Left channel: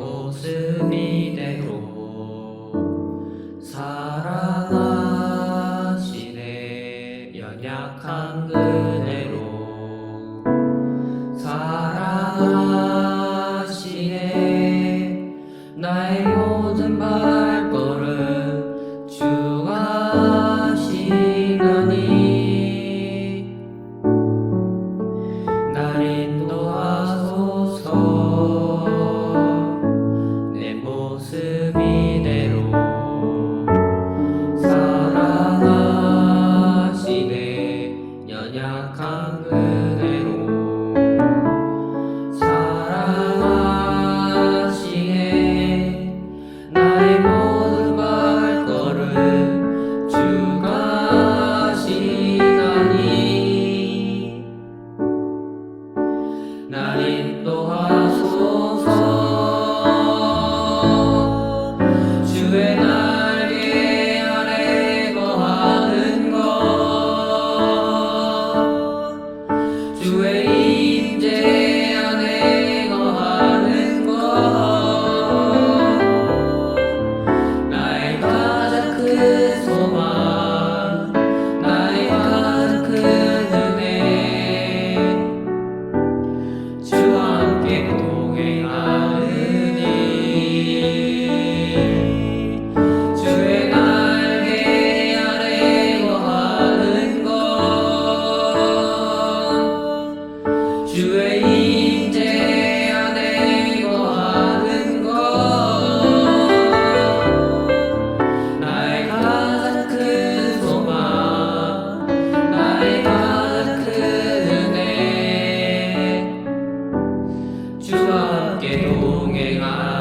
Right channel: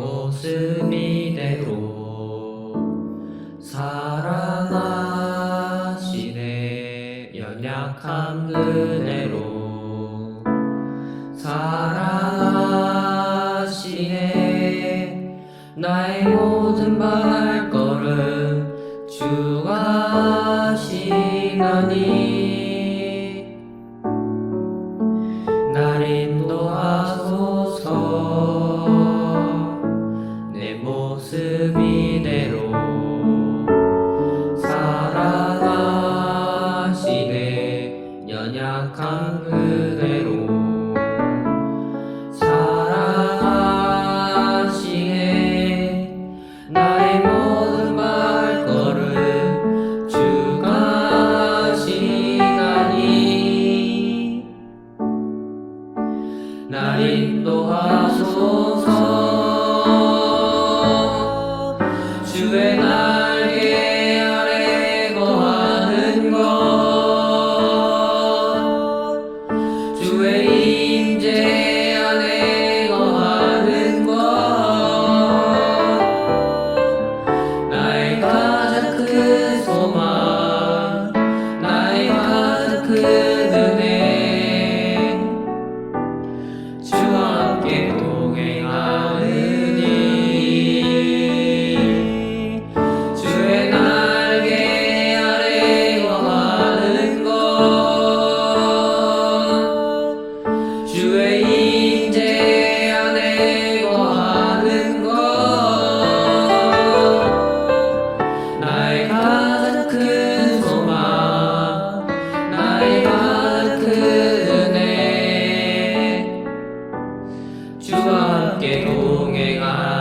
모습 이대로 사랑하시네. 연약한 그대로 사랑하시네. 나의 모든 발걸음 주가 하시나니 날 인도하소서. 내 모습 이대로 사랑하시네. 연약한 그대로 사랑하시네. 나의 모든 발걸음 주가 하시나니 날 인도하소서. 주의 날개 아래 거하는 것, 주의 임재 안에 거하는 것, 나의 가장 큰 소망, 나의 가장 큰 은혜, 주와 함께 동행하느니. 주의 날개 아래 거하는 것, 주의 임재 안에 거하는 것, 나의 가장 큰 소망, 나의 가장 큰 은혜, 주와 함께 동행하느니.